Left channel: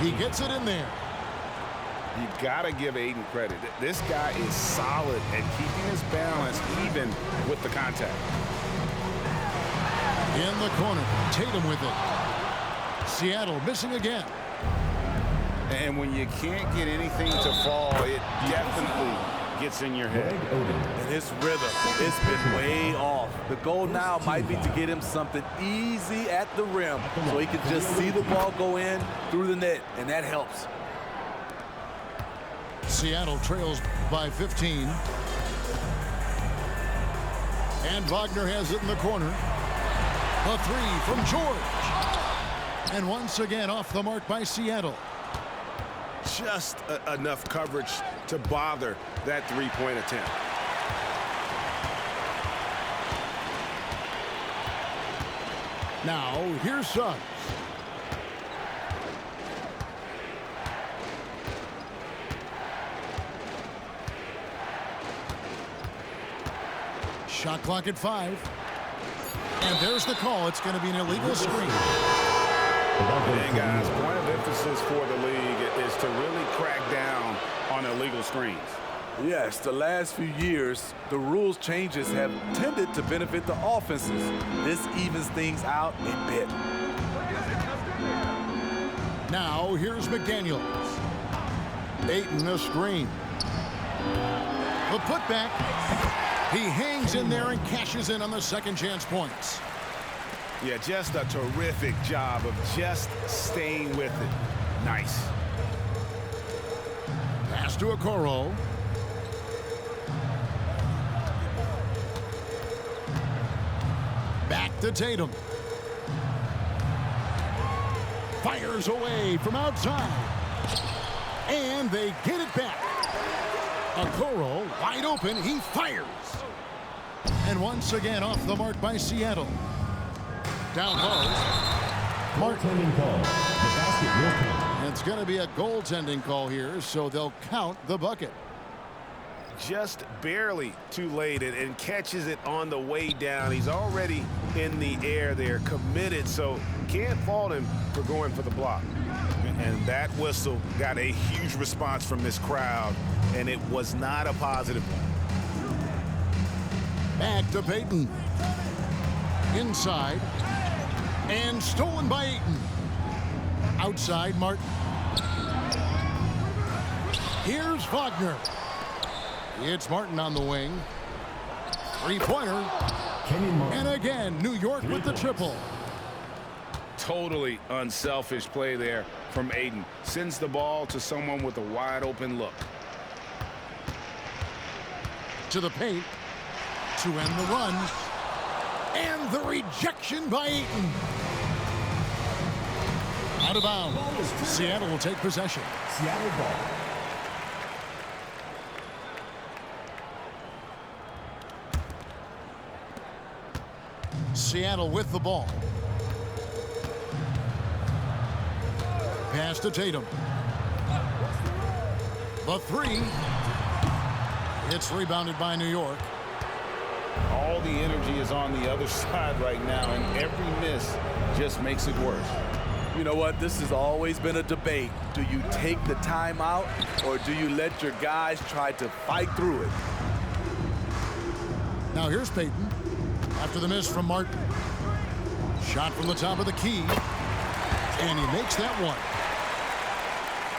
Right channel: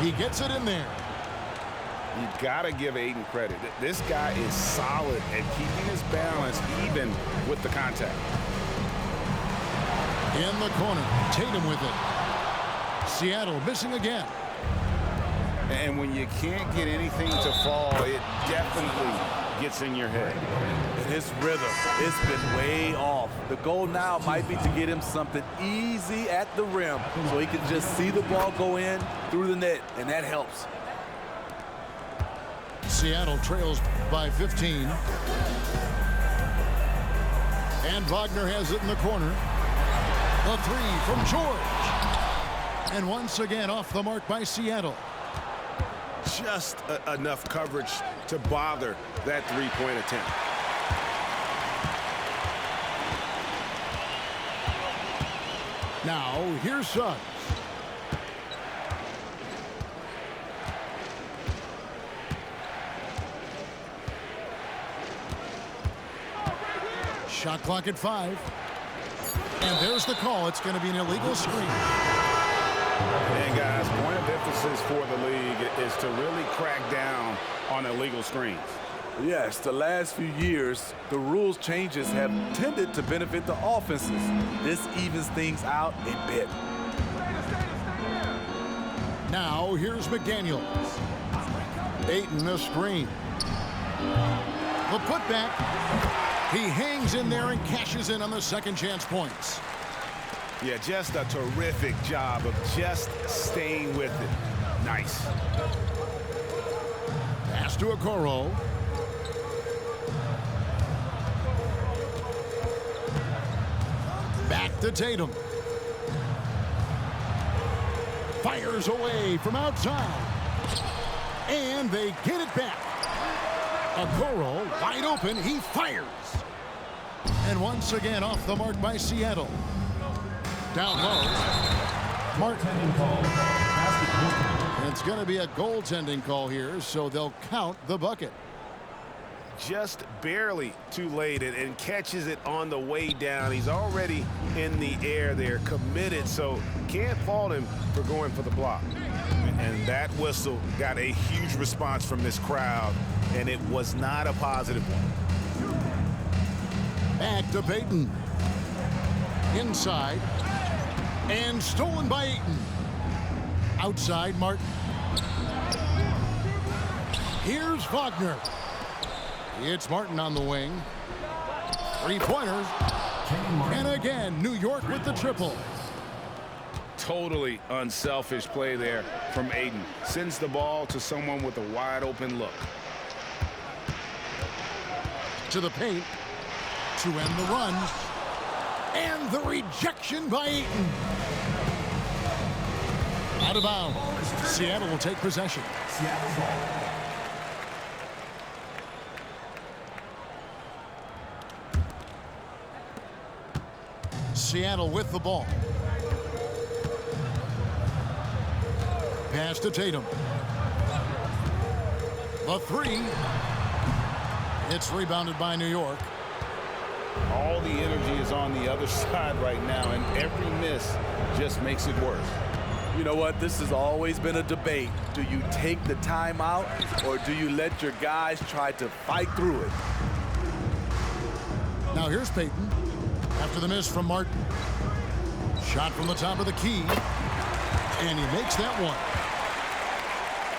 He gets it in there. You got to give Ayton credit. This guy is solid at keeping his balance even with the contact. In the corner, Tatum with it. Seattle missing again. And when you can't get anything to fall, it definitely gets in your head. And his rhythm, it's been way off. The goal now might be to get him something easy at the rim so he can just see the ball go in through the net, and that helps. Seattle trails by 15. And Wagner has it in the corner. A three from George. And once again off the mark by Seattle. Just enough coverage to bother that three-point attempt. Now, here's Suggs. Shot clock at 5. And there's the call. It's going to be an illegal screen. And guys, point of emphasis for the league is to really crack down on illegal screens. Yes, the last few years, the rules changes have tended to benefit the offenses. This evens things out a bit. Now, here's McDaniels. Ayton a screen. The putback. He hangs in there and cashes in on the second chance points. Yeah, just a terrific job of just staying with it. Nice. Pass to Okoro. Back to Tatum. Fires away from outside. And they get it back. Okoro wide open. He fires. And once again off the mark by Seattle. Down low. Goaltending call. The basket will count. It's going to be a goaltending call here, so they'll count the bucket. Just barely too late and catches it on the way down. He's already in the air there, committed, so can't fault him for going for the block. And that whistle got a huge response from this crowd, and it was not a positive one. Back to Payton. Inside. And stolen by Ayton. Outside, Martin. Here's Wagner. It's Martin on the wing. Three-pointer. And again, New York with the triple. Totally unselfish play there from Ayton. Sends the ball to someone with a wide-open look. To the paint. To end the run. And the rejection by Ayton. Out of bounds. Seattle will take possession. Seattle ball. Seattle with the ball. Pass to Tatum. The three. It's rebounded by New York. All the energy is on the other side right now, and every miss just makes it worse. You know what? This has always been a debate. Do you take the timeout, or do you let your guys try to fight through it? Now here's Payton. After the miss from Martin. Shot from the top of the key. And he makes that one.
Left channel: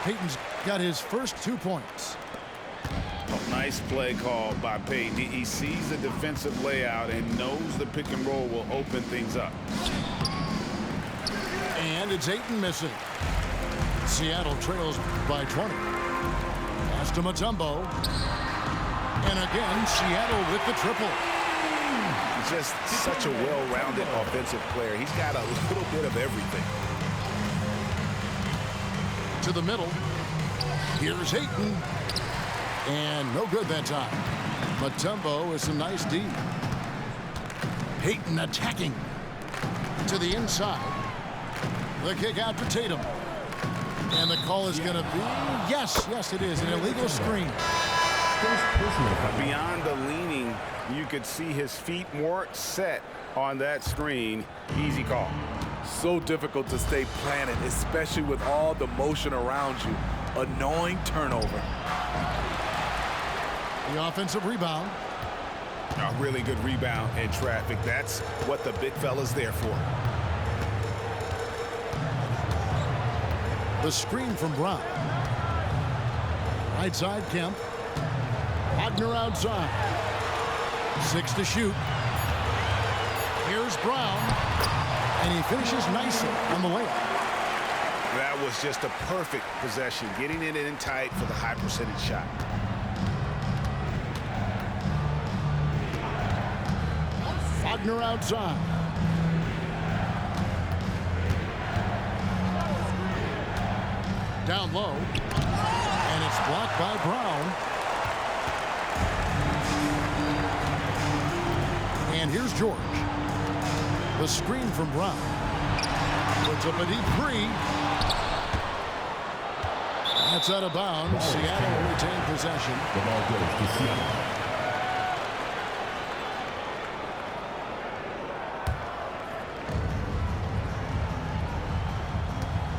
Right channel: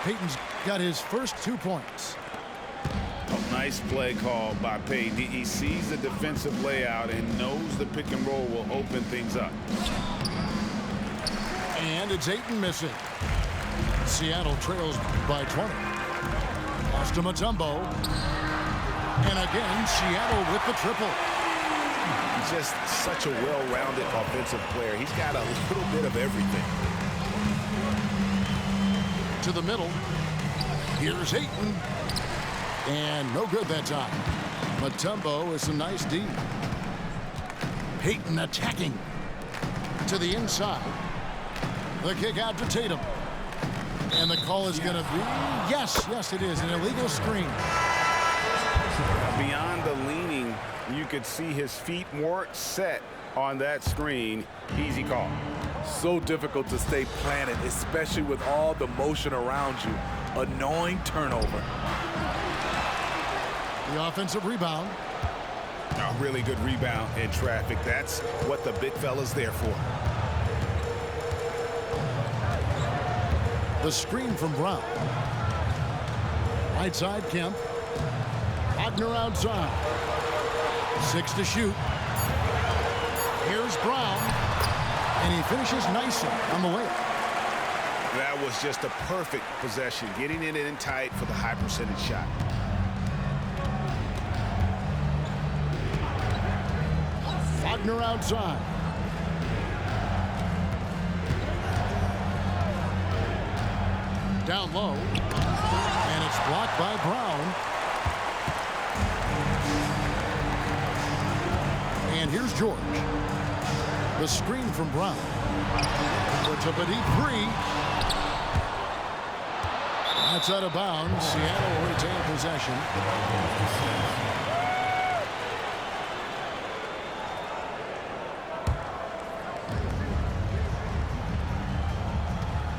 Payton's got his first 2 points. Oh, nice play call by Payton. He sees the defensive layout and knows the pick and roll will open things up. And it's Ayton missing. Seattle trails by 20. Pass to Mutombo. And again, Seattle with the triple. He's just such a well-rounded offensive player. He's got a little bit of everything. To the middle. Here's Ayton. And no good that time. Mutombo with some nice D. Payton attacking. To the inside. The kick out to Tatum. And the call is going to be, yes, it is, an illegal screen. Beyond the leaning, you could see his feet weren't set on that screen. Easy call. So difficult to stay planted, especially with all the motion around you. Annoying turnover. The offensive rebound. A really good rebound in traffic. That's what the big fella's there for. The screen from Brown. Right side, Kemp. Wagner outside. 6 to shoot. Here's Brown. And he finishes nicely on the layup. That was just a perfect possession, getting it in tight for the high percentage shot. Wagner outside. Down low. And it's blocked by Brown. And here's George. The screen from Brown. Puts up a deep three. That's out of bounds. Seattle will retain possession. The ball goes to Seattle.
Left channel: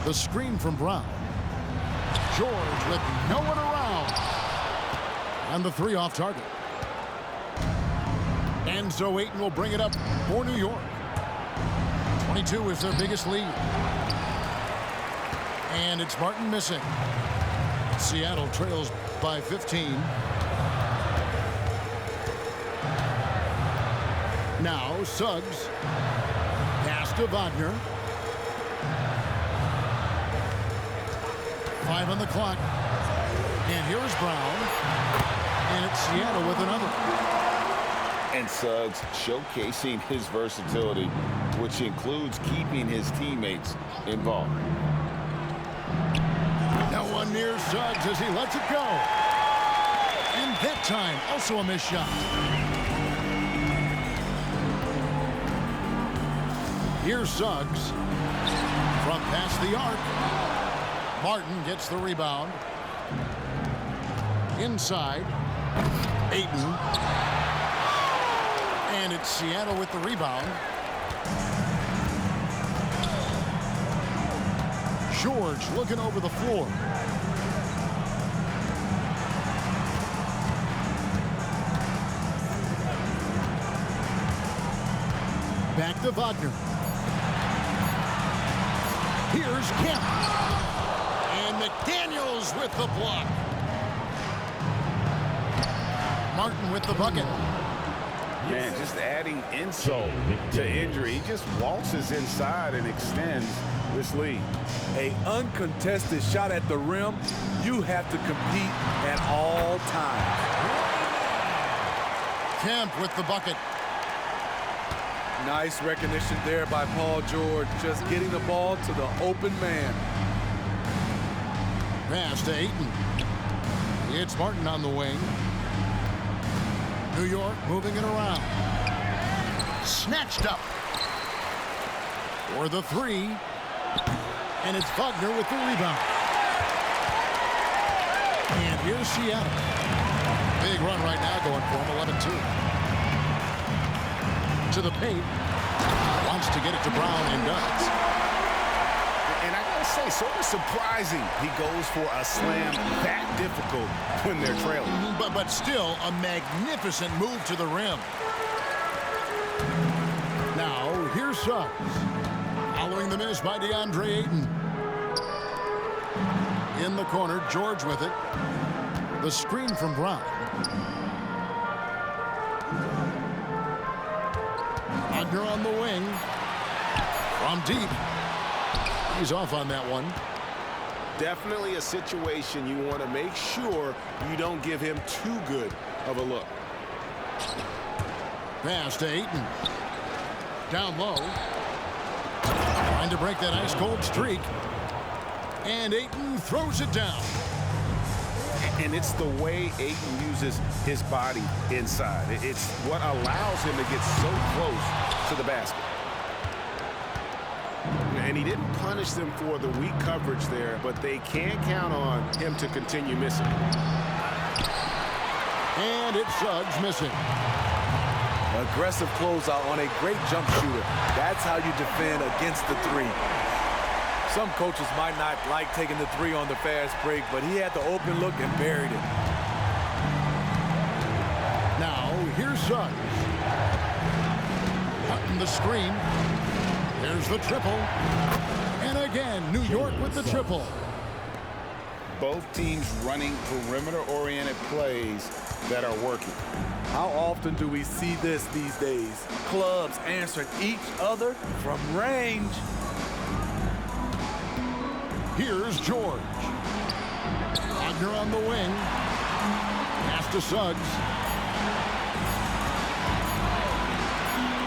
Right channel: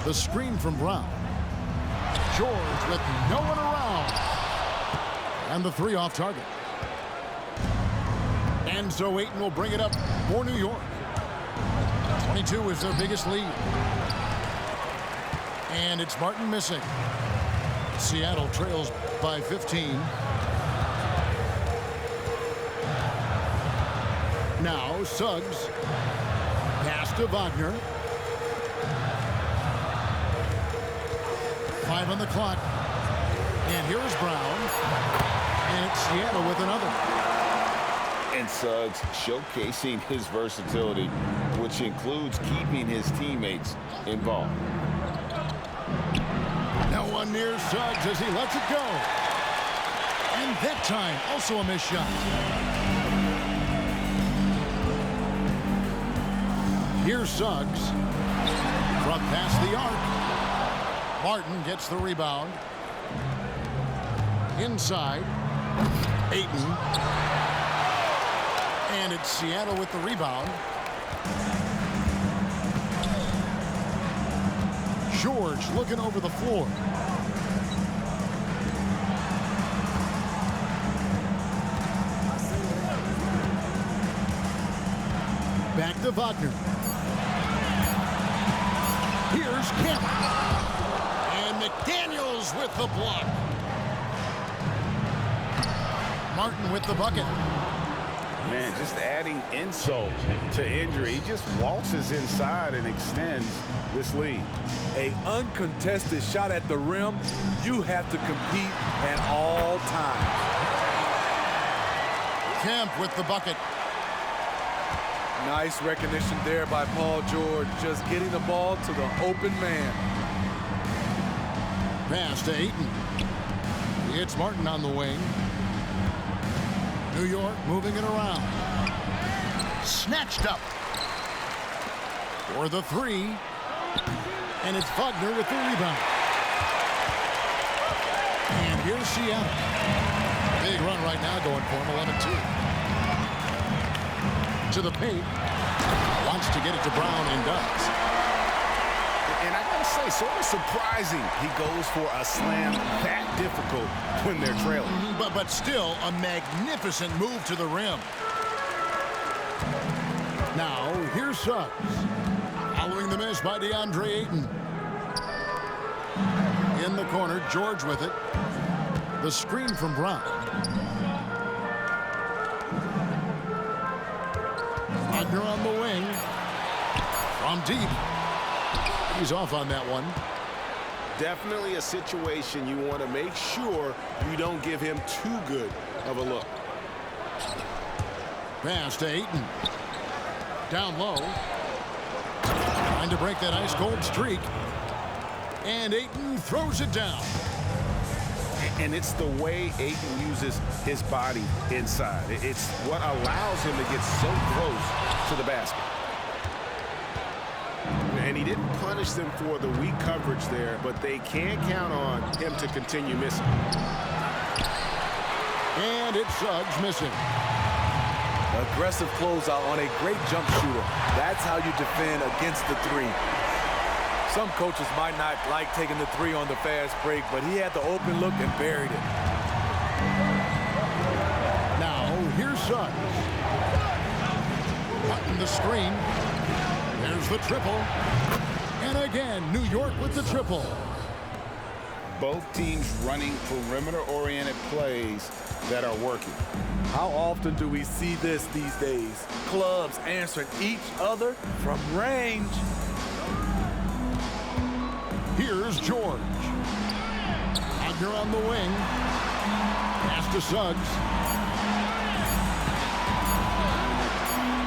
The screen from Brown. George with no one around. And the three off target. And so Ayton will bring it up for New York. 22 is their biggest lead. And it's Martin missing. Seattle trails by 15. Now Suggs. Pass to Wagner. 5 on the clock. And here's Brown. And it's Seattle with another. And Suggs showcasing his versatility, which includes keeping his teammates involved. No one near Suggs as he lets it go. And that time, also a missed shot. Here's Suggs. From past the arc. Martin gets the rebound. Inside. Ayton. And it's Seattle with the rebound. George looking over the floor. Back to Wagner. Here's Kemp. And McDaniels with the block. Martin with the bucket. Man, just adding insult to injury. He just waltzes inside and extends this lead. An uncontested shot at the rim, you have to compete at all times. Kemp with the bucket. Nice recognition there by Paul George, just getting the ball to the open man. Pass to Ayton. It's Martin on the wing. New York moving it around. Snatched up. For the three. And it's Wagner with the rebound. And here's Seattle. Big run right now going for him, 11-2. To the paint. Wants to get it to Brown and does. And I gotta say, sort of surprising he goes for a slam that difficult when they're trailing. But still a magnificent move to the rim. Now here's Suggs. Following the miss by DeAndre Ayton. In the corner, George with it. The screen from Brown. Wagner on the wing. From deep. He's off on that one. Definitely a situation you want to make sure you don't give him too good of a look. Pass to Ayton. Down low. Trying to break that ice-cold streak. And Ayton throws it down. And it's the way Ayton uses his body inside. It's what allows him to get so close to the basket. And he didn't punish them for the weak coverage there, but they can't count on him to continue missing. And it's Suggs missing. Aggressive closeout on a great jump shooter. That's how you defend against the three. Some coaches might not like taking the three on the fast break, but he had the open look and buried it. Now, here's Suggs. Cutting the screen. There's the triple. And again, New York with the triple. Both teams running perimeter-oriented plays that are working. How often do we see this these days? Clubs answering each other from range. Here's George. Wagner on the wing. Pass to Suggs.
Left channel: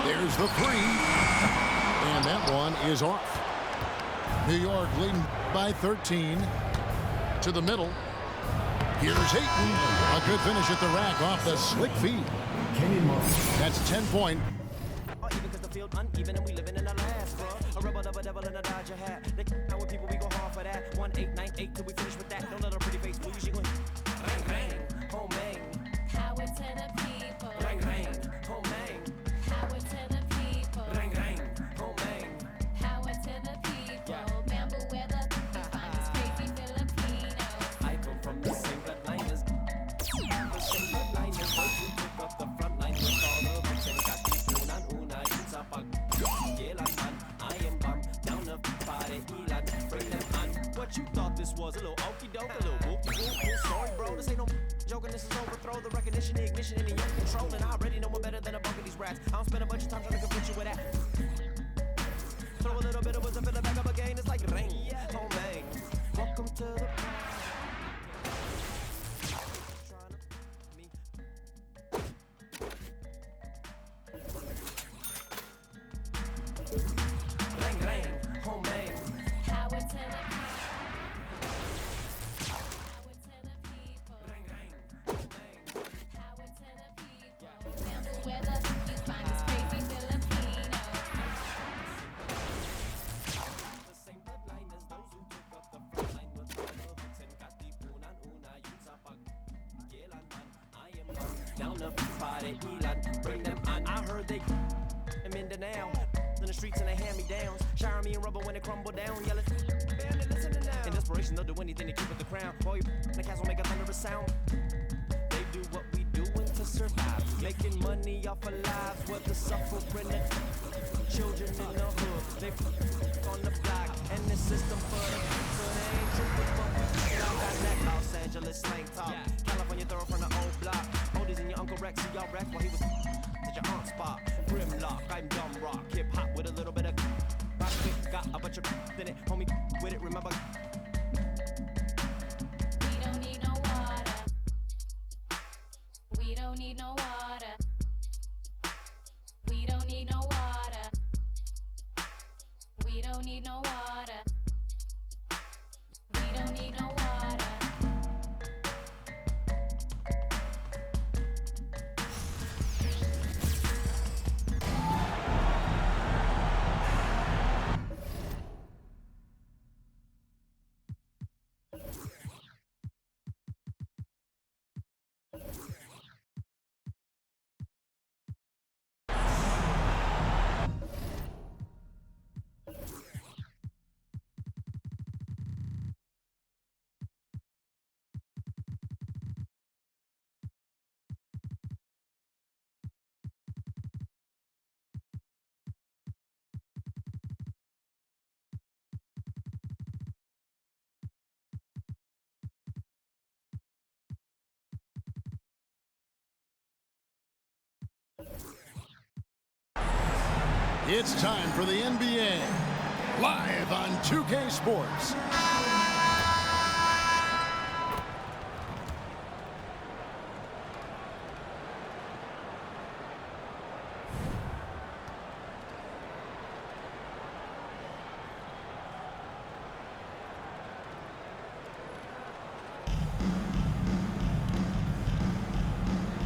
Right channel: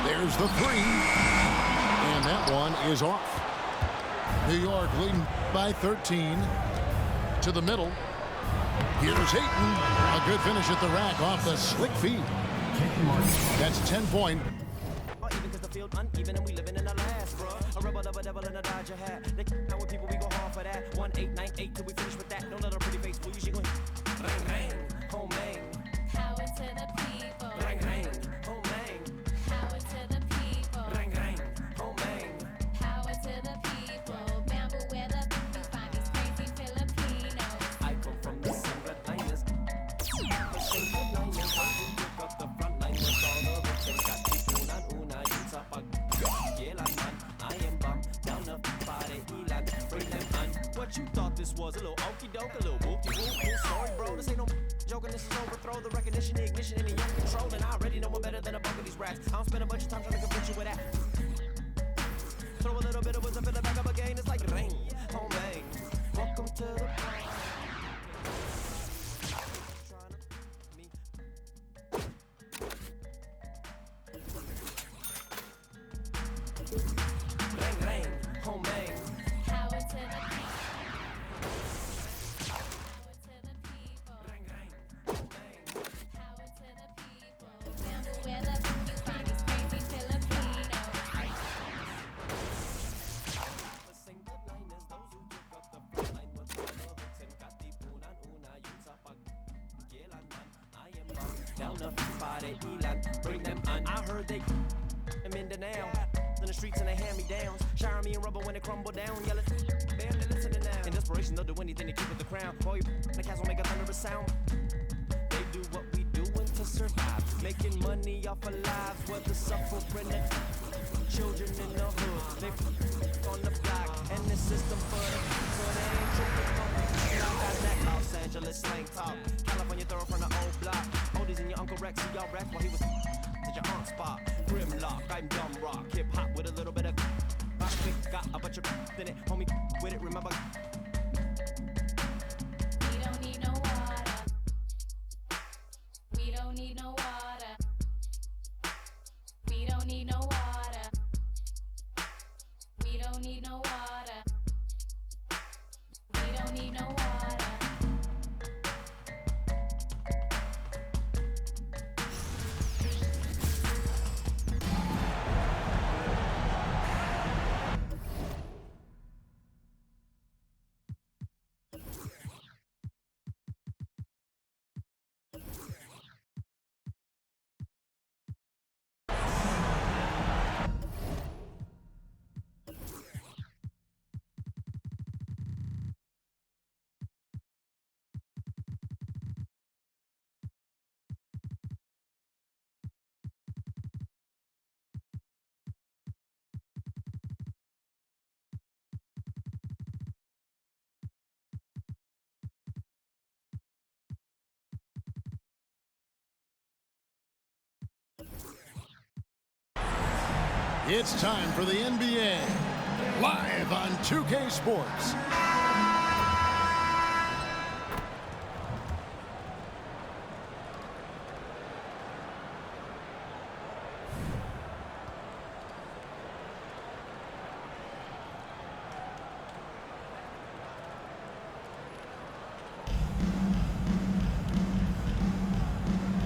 There's the three. And that one is off. New York leading by 13. To the middle. Here's Ayton. A good finish at the rack off the slick feed. Kenyon Martin. That's 10-point. Even because the field uneven and we living in the last, bro. A rebel, double, devil, and a Dodger hat. They now with people, we go hard for that. 1-8-9-8 till we finish with that. Don't let her pretty face fool you. She gon' bang, bang, home bang. Power to the people. Bang, bang, home bang. Power to the people. Bang, bang, home bang. Power to the people. Remember where the finest crazy Filipinos. I come from the same bloodliners. The same bloodliners. Those who took up the front line with all the hooks and got the una, yun sa pag-kailanman. I am bum, down the body, ilan, bring them on. What you thought this was? A little okey-doke, a little whoop-de-whoop, cool story, bro. This ain't no joking, this is overthrow. The recognition, the ignition, and the young control. And I already know one better than a bunch of these rats. I don't spend a bunch of time trying to convince you with that. Throw a little bit of wisdom, fill it back up again. It's like rain, home bang. Welcome to the bang, bang, home bang. Power to the people. Bang, bang, home bang. Power to the people. Remember where the finest crazy Filipinos. The same bloodliners, those who took up the front line with all the hooks and got the una, yun sa pag-kailanman. I am down the body, ilan, bring them on. I heard they in Mindanao, in the streets and they hand me downs, shower me in rubber when they crumble down, yelling, man, they listening now. In desperation, they'll do anything to keep it the crown. Boy, the cats will make a thunderous sound. They do what we doing to survive, making money off of lives, whether suffering and children in the hood. They on the block, and the system for the so they ain't tripping, but we got that Los Angeles slang talk, California throw from the old block. Oldies and your Uncle Rex, see y'all wrecked while he was at your aunt's spot. Grimlock, I'm dumb rock, hip hop with a little bit of rock quick, got a bunch of in it, homie with it, remember. We don't need no water. We don't need no water. We don't need no water. We don't need no water. We don't need no water. It's time for the NBA, live on 2K Sports.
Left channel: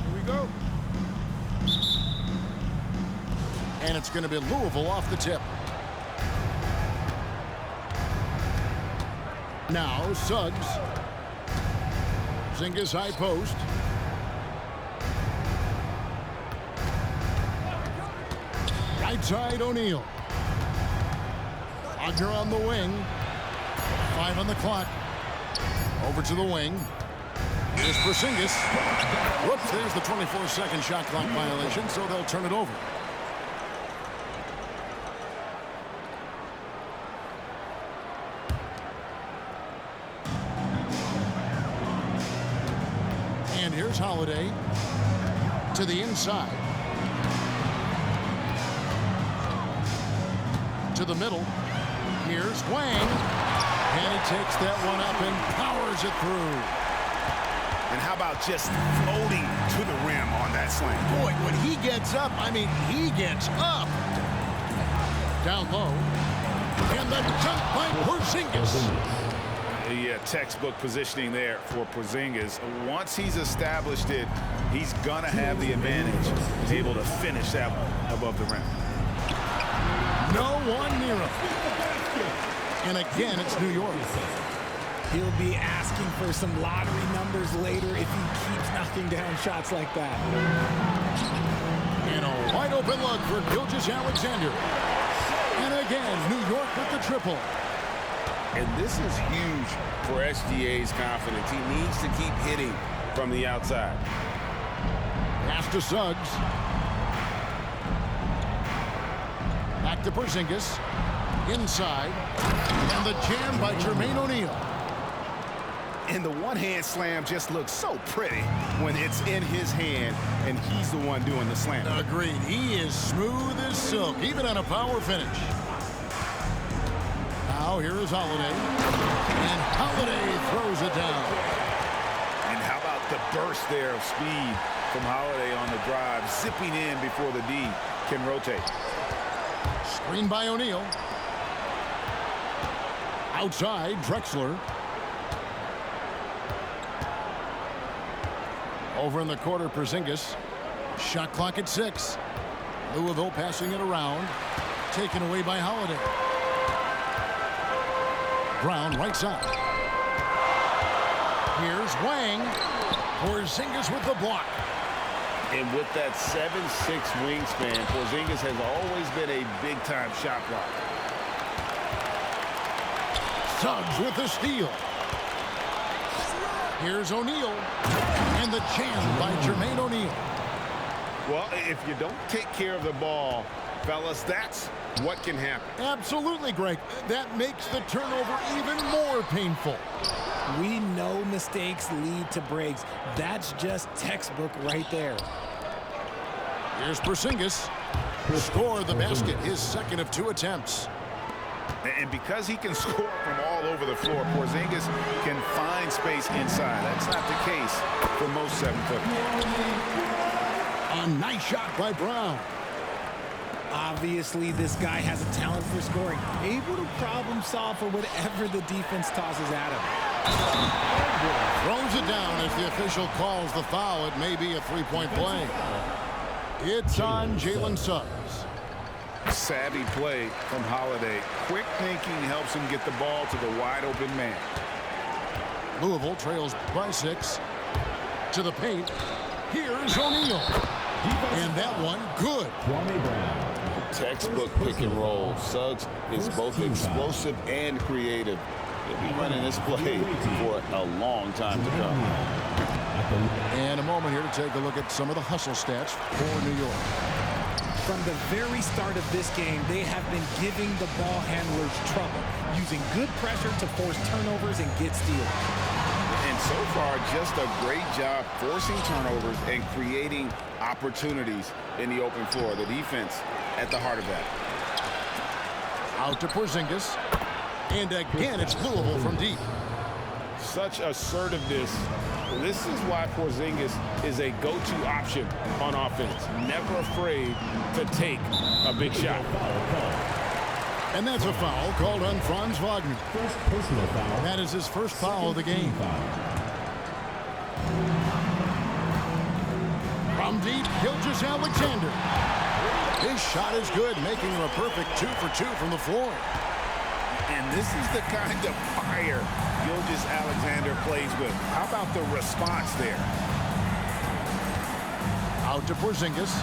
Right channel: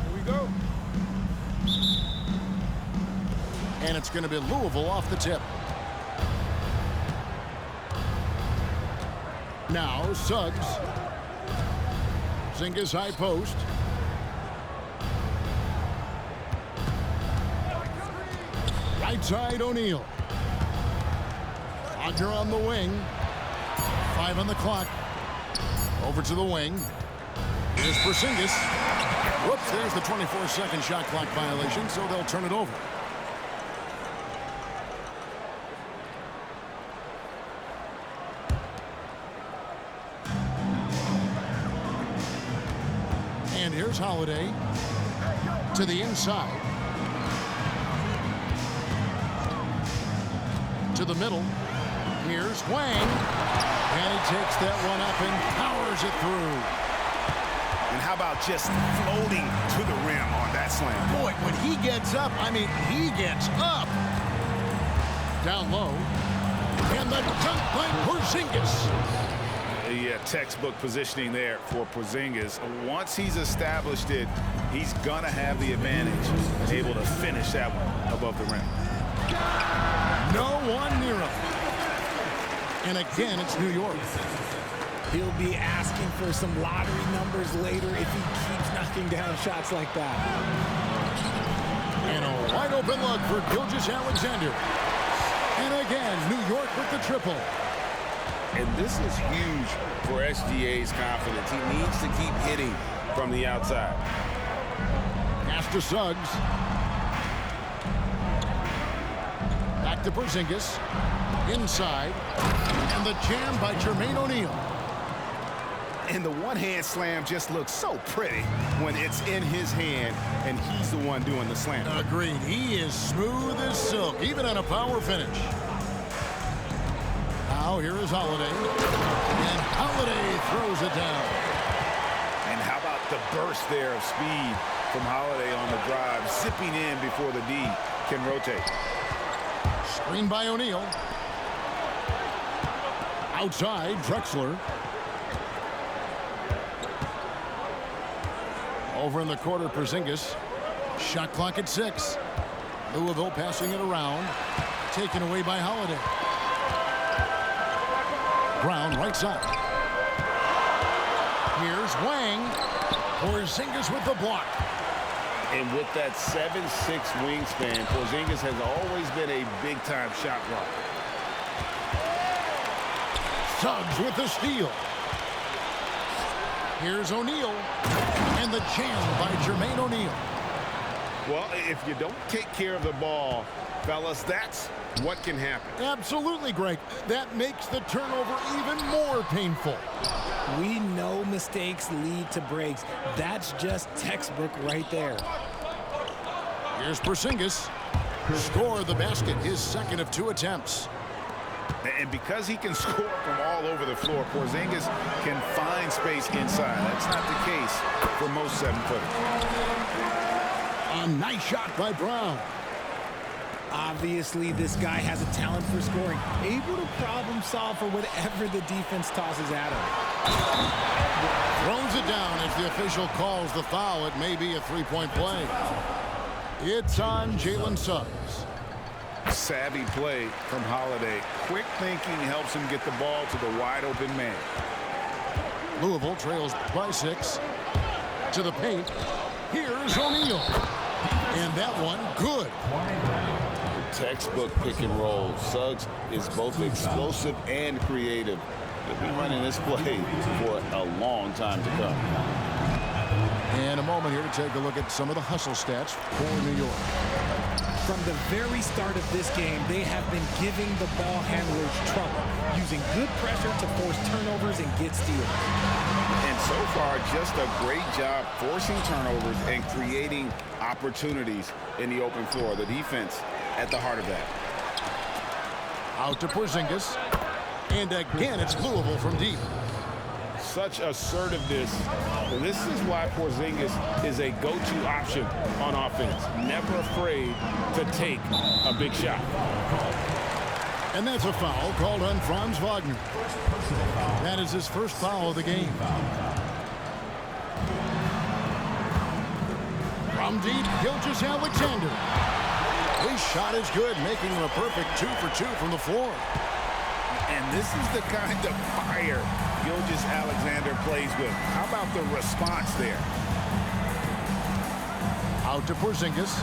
Here we go. And it's going to be Louisville off the tip. Now Suggs. Zinga's high post. Right side, O'Neal. Wagner on the wing. 5 on the clock. Over to the wing. Here's Porzingis. Whoops, there's the 24-second shot clock violation, so they'll turn it over. And here's Holiday to the inside. To the middle. Here's Wang. And he takes that one up and powers it through. And how about just floating to the rim on that slam? Boy, when he gets up, I mean, he gets up. Down low. And the dunk by Porzingis. Yeah, textbook positioning there for Porzingis. Once he's established it, he's going to have the advantage and able to finish that one above the rim. No one near him. And again, it's New York. He'll be asking for some lottery numbers later if he keeps knocking down shots like that. And a wide open look for Gilgeous-Alexander. And again, New York with the triple. And this is huge for SGA's confidence. He needs to keep hitting from the outside. Pass to Suggs. Back to Porzingis. Inside. And the jam by Jermaine O'Neal. And the one-hand slam just looks so pretty when it's in his hand and he's the one doing the slam. Agreed. He is smooth as silk, even on a power finish. Now here is Holiday. And Holiday throws it down. And how about the burst there of speed from Holiday on the drive, zipping in before the D can rotate. Screen by O'Neal. Outside, Drexler. Over in the quarter, Porzingis. Shot clock at 6. Louisville passing it around. Taken away by Holiday. Brown right side. Here's Wang. Porzingis with the block. And with that 7'6" wingspan, Porzingis has always been a big-time shot blocker. Suggs with the steal. Here's O'Neal. And the jam by Jermaine O'Neal. Well, if you don't take care of the ball, fellas, that's what can happen. Absolutely, Greg. That makes the turnover even more painful. We know mistakes lead to breaks. That's just textbook right there. Here's Porzingis. Score the basket, his second of 2 attempts. And because he can score from all over the floor, Porzingis can find space inside. That's not the case for most 7-footers. A nice shot by Brown. Obviously, this guy has a talent for scoring, able to problem solve for whatever the defense tosses at him. Throws it down as the official calls the foul. It may be a 3-point play. It's on Jalen Suggs. Savvy play from Holiday. Quick thinking helps him get the ball to the wide open man. Louisville trails by 6. To the paint. Here's O'Neal. And that one good. Textbook pick and roll. Suggs is both explosive and creative. He'll be running this play for a long time to come. And a moment here to take a look at some of the hustle stats for New York. From the very start of this game, they have been giving the ball handlers trouble, using good pressure to force turnovers and get steals. And so far, just a great job forcing turnovers and creating opportunities in the open floor. The defense at the heart of that. Out to Porzingis. And again, it's Louisville from deep. Such assertiveness. This is why Porzingis is a go-to option on offense. Never afraid to take a big shot. And that's a foul called on Franz Wagner. That is his first foul of the game. From deep, Gilgeous-Alexander. His shot is good, making him a perfect 2 for 2 from the floor. And this is the kind of fire Gilgeous-Alexander plays with. How about the response there? Out to Porzingis.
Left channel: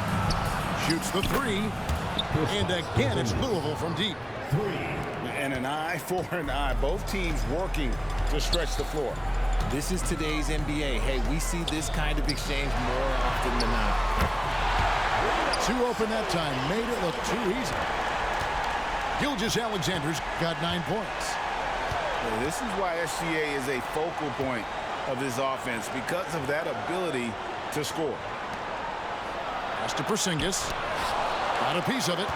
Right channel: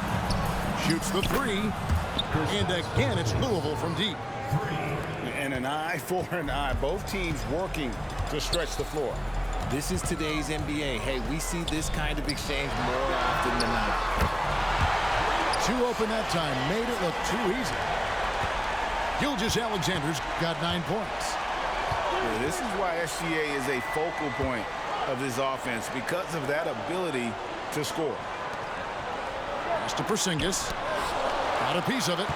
Shoots the 3. And again, it's Louisville from deep. 3. And an eye for an eye. Both teams working to stretch the floor. This is today's NBA. Hey, we see this kind of exchange more often than not. Too open that time. Made it look too easy. Gilgeous-Alexander's got 9 points. Well, this is why SGA is a focal point of this offense, because of that ability to score. Pass to Porzingis. Got a piece of it.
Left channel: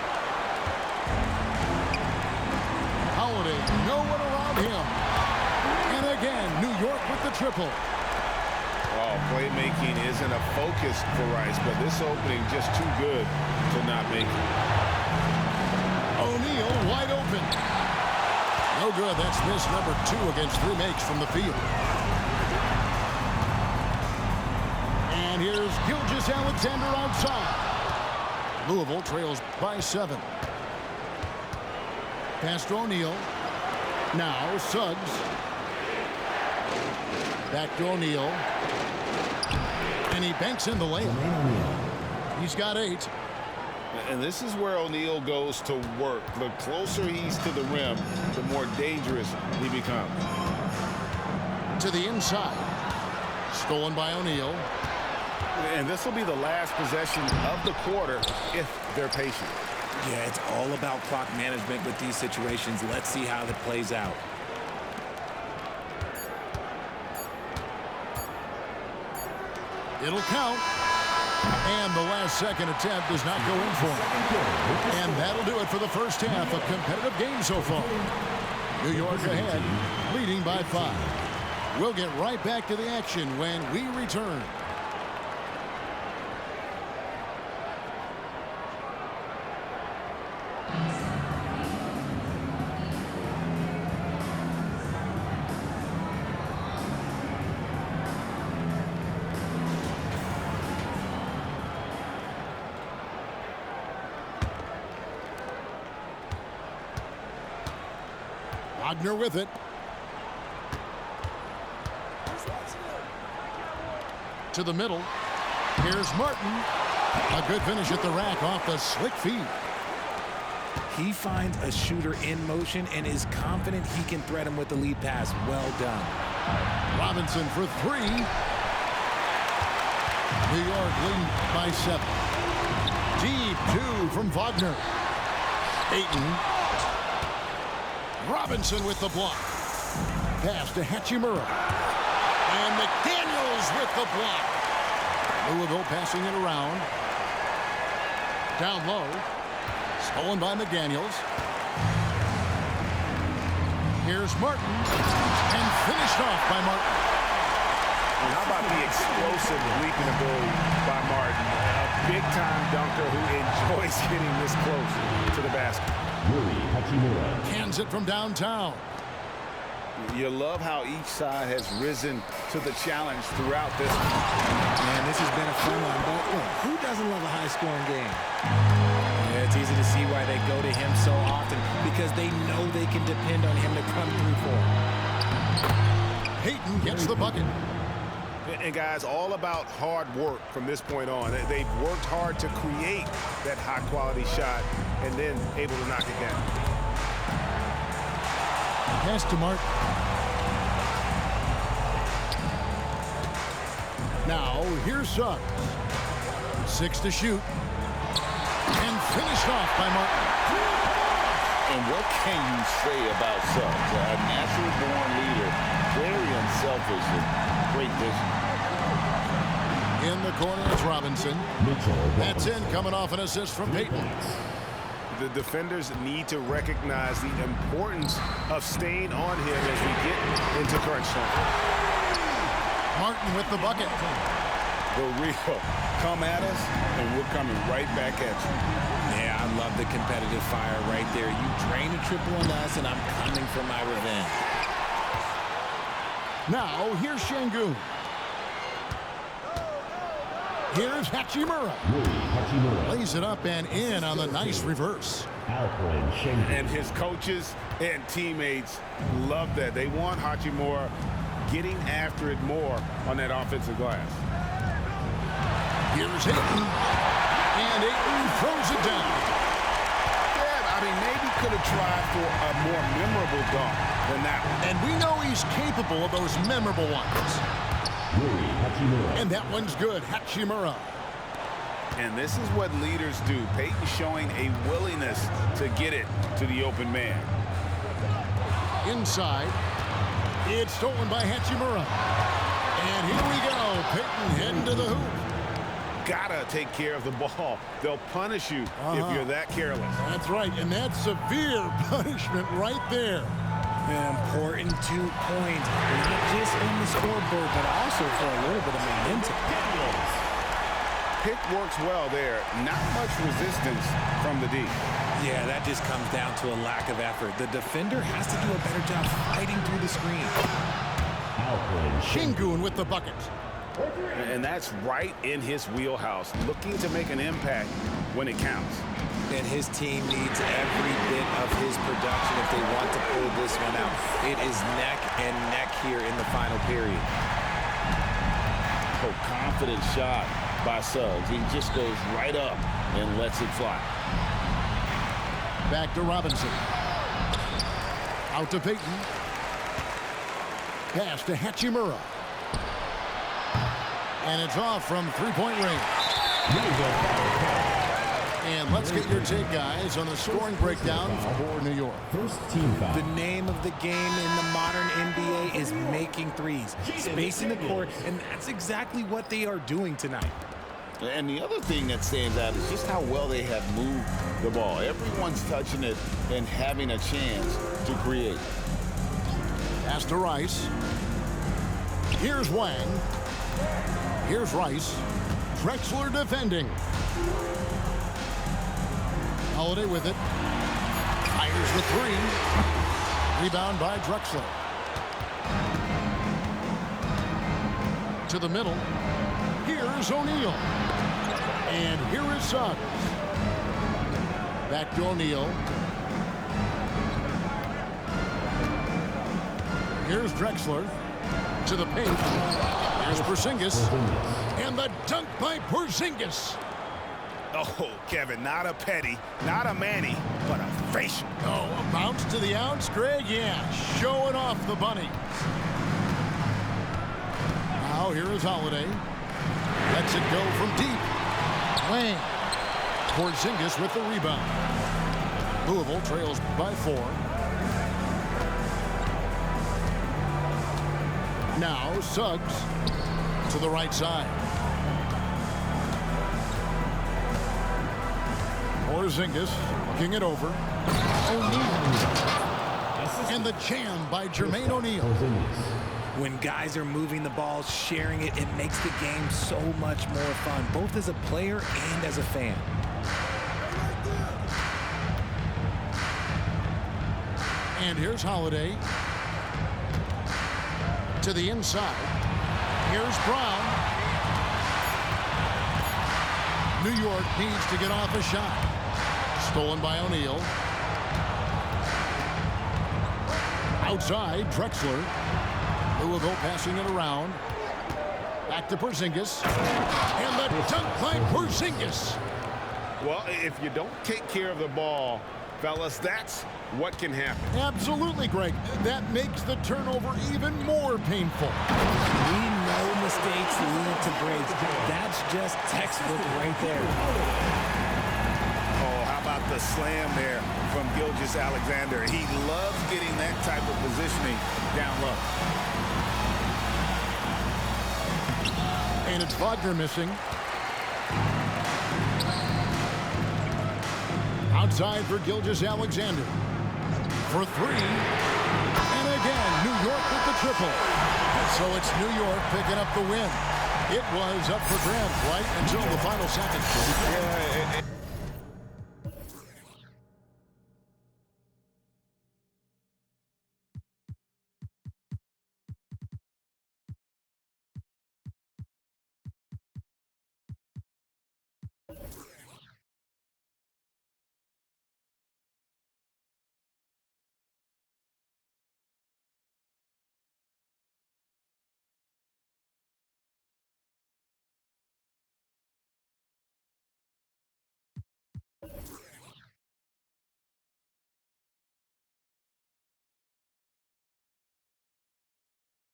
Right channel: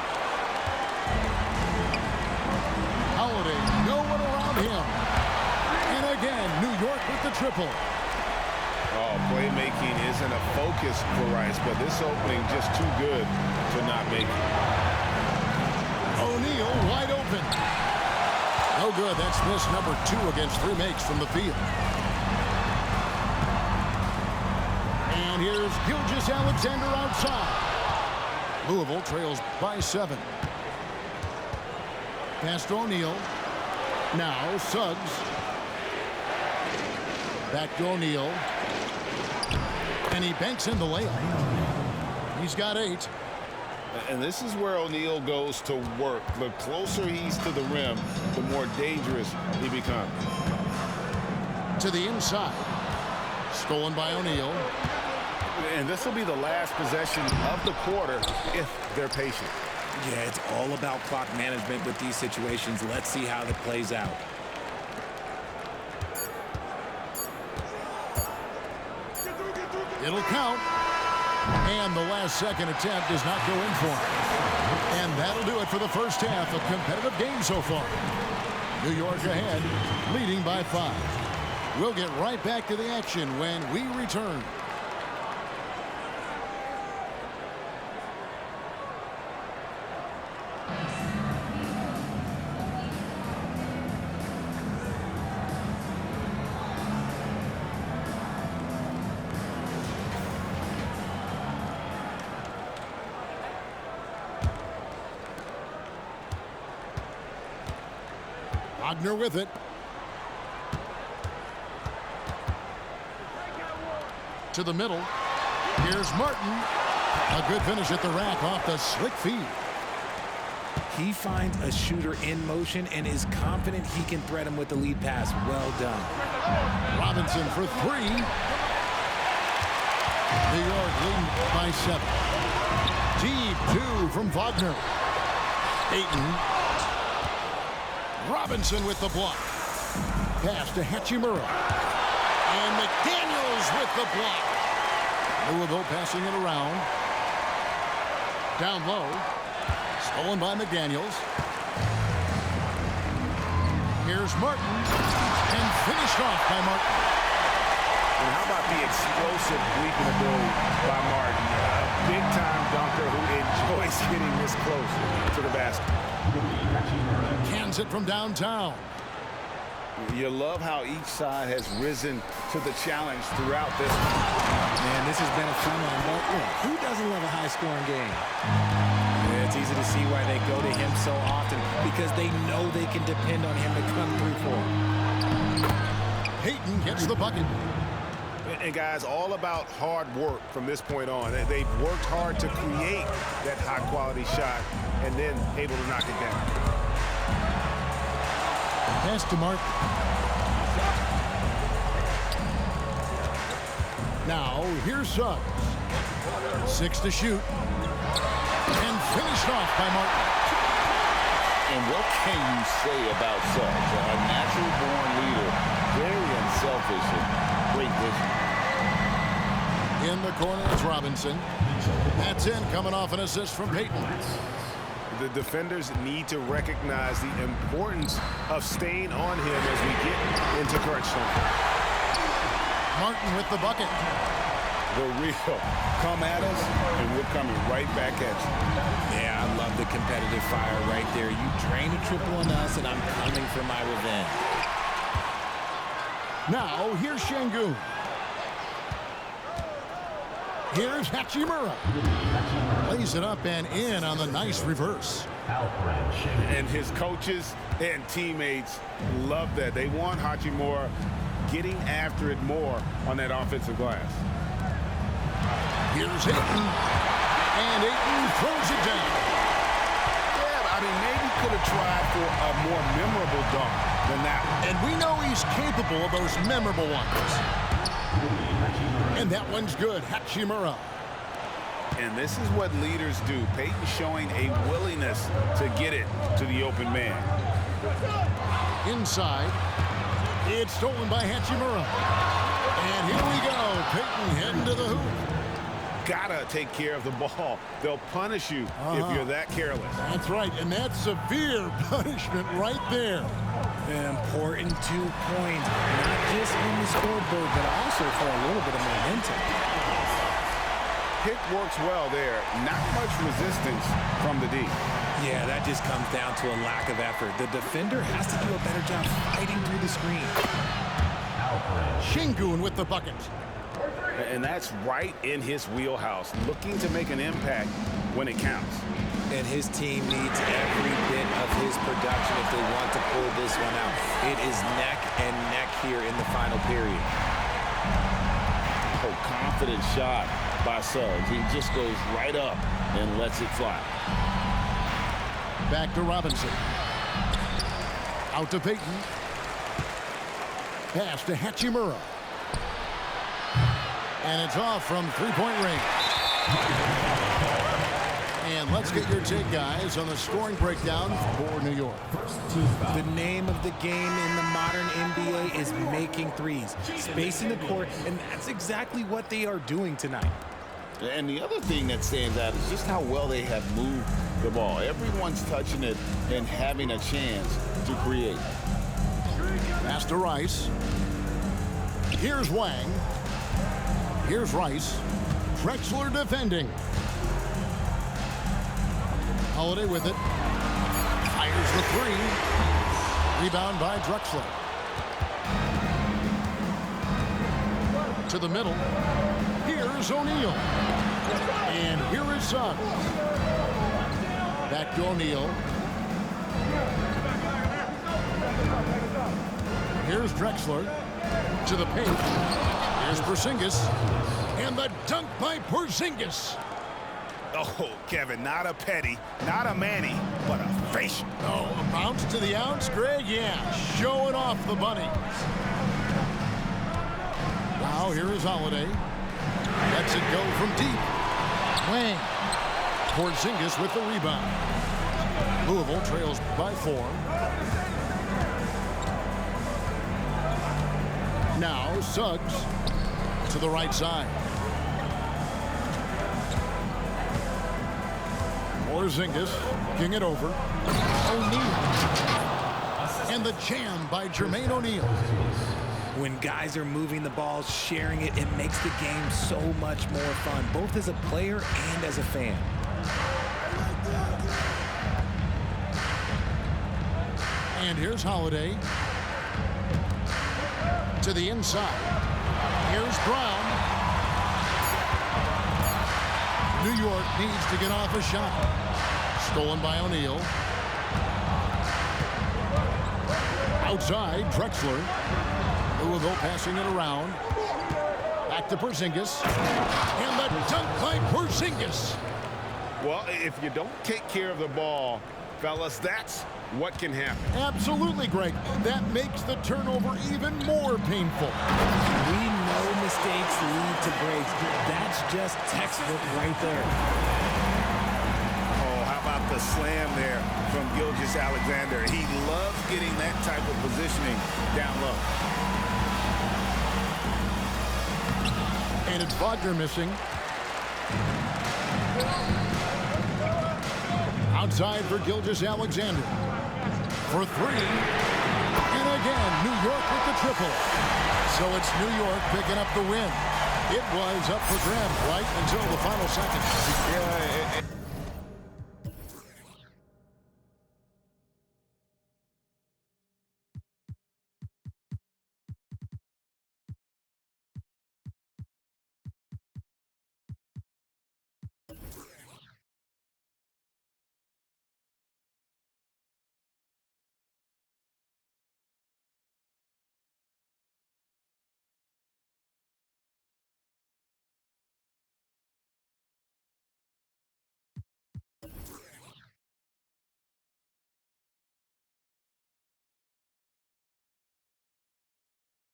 Holiday, no one around him. And again, New York with the triple. Oh, playmaking isn't a focus for Rice, but this opening just too good to not make it. O'Neal wide open. No good. That's miss number 2 against 3 makes from the field. And here's Gilgeous-Alexander outside. Louisville trails by 7. Pass to O'Neal. Now Suggs. Back to O'Neal. And he banks in the layup. He's got 8. And this is where O'Neal goes to work. The closer he's to the rim, the more dangerous he becomes. To the inside. Stolen by O'Neal. And this will be the last possession of the quarter if they're patient. Yeah, it's all about clock management with these situations. Let's see how that plays out. It'll count. And the last second attempt does not go in for him. And that'll do it for the first half. A competitive game so far. New York ahead, leading by 5. We'll get right back to the action when we return. Wagner with it. To the middle. Here's Martin. A good finish at the rack off the slick feed. He finds a shooter in motion and is confident he can threat him with the lead pass. Well done. Robinson for 3. New York leading by 7. Deep 2 from Wagner. Ayton. Robinson with the block. Pass to Hachimura. And McDaniels with the block. Louisville passing it around. Down low. Stolen by McDaniels. Here's Martin. And finished off by Martin. And how about the explosive leaping ability by Martin? A big-time dunker who enjoys getting this close to the basket. Cans it from downtown. You love how each side has risen to the challenge throughout this. Man, this has been a fun one, but look, who doesn't love a high-scoring game? Yeah, it's easy to see why they go to him so often, because they know they can depend on him to come through for them. Payton gets the bucket. And guys, all about hard work from this point on. They've worked hard to create that high-quality shot and then able to knock it down. Pass to Martin. Now, here's Suggs. 6 to shoot. And finished off by Martin. And what can you say about Suggs? A natural-born leader, very unselfish and great vision. In the corner is Robinson. That's in, coming off an assist from Payton. The defenders need to recognize the importance of staying on him as we get into crunch time. Martin with the bucket. The real. Come at us, and we're coming right back at you. Yeah, I love the competitive fire right there. You drain a triple on us, and I'm coming for my revenge. Now, here's Şengün. Here's Hachimura. Lays it up and in on the nice reverse. And his coaches and teammates love that. They want Hachimura getting after it more on that offensive glass. Here's Ayton. And Ayton throws it down. I mean, maybe could have tried for a more memorable dunk than that one. And we know he's capable of those memorable ones. And that one's good. Hachimura. And this is what leaders do. Peyton showing a willingness to get it to the open man. Inside. It's stolen by Hachimura. And here we go. Peyton heading to the hoop. Gotta take care of the ball. They'll punish you if you're that careless. That's right, and that's severe punishment right there. An important 2 points, not just on the scoreboard, but also for a little bit of momentum. Pick works well there. Not much resistance from the D. Yeah, that just comes down to a lack of effort. The defender has to do a better job fighting through the screen. Şengün with the bucket. And that's right in his wheelhouse, looking to make an impact when it counts. And his team needs every bit of his production if they want to pull this one out. It is neck and neck here in the final period. Oh, confident shot by Suggs. He just goes right up and lets it fly. Back to Robinson. Out to Peyton. Pass to Hachimura. And it's off from three-point range. And let's get your take, guys, on the scoring breakdown for New York. The name of the game in the modern NBA is making threes, spacing the court, and that's exactly what they are doing tonight. And the other thing that stands out is just how well they have moved the ball. Everyone's touching it and having a chance to create. Pass to Rice. Here's Wang. Here's Rice. Drexler defending. Holiday with it. Fires the three. Rebound by Drexler. To the middle. Here's O'Neal. And here is Suggs. Back to O'Neal. Here's Drexler. To the paint. Here's Porzingis. And the dunk by Porzingis. Oh, Kevin, not a petty, not a Manny, but a facial. Oh, a bounce to the ounce, Greg? Yeah, showing off the bunnies. Now here is Holiday. Lets it go from deep. Wang. Porzingis with the rebound. Louisville trails by 4. Now Suggs to the right side. Porzingis king it over. O'Neal. And the jam by Jermaine O'Neal. When guys are moving the ball, sharing it, it makes the game so much more fun, both as a player and as a fan. And here's Holiday. To the inside. Here's Brown. New York needs to get off a shot. Stolen by O'Neal. Outside, Drexler. Louisville passing it around. Back to Porzingis. And the dunk by Porzingis. Well, if you don't take care of the ball, fellas, that's what can happen. Absolutely, Greg. That makes the turnover even more painful. We know mistakes lead to breaks. That's just textbook right there. Oh, how about the slam there from Gilgeous-Alexander? He loves getting that type of positioning down low. And it's Wagner missing. Outside for Gilgeous-Alexander. For 3. And again, New York with the triple. So it's New York picking up the win. It was up for grabs right until the final seconds. Yeah,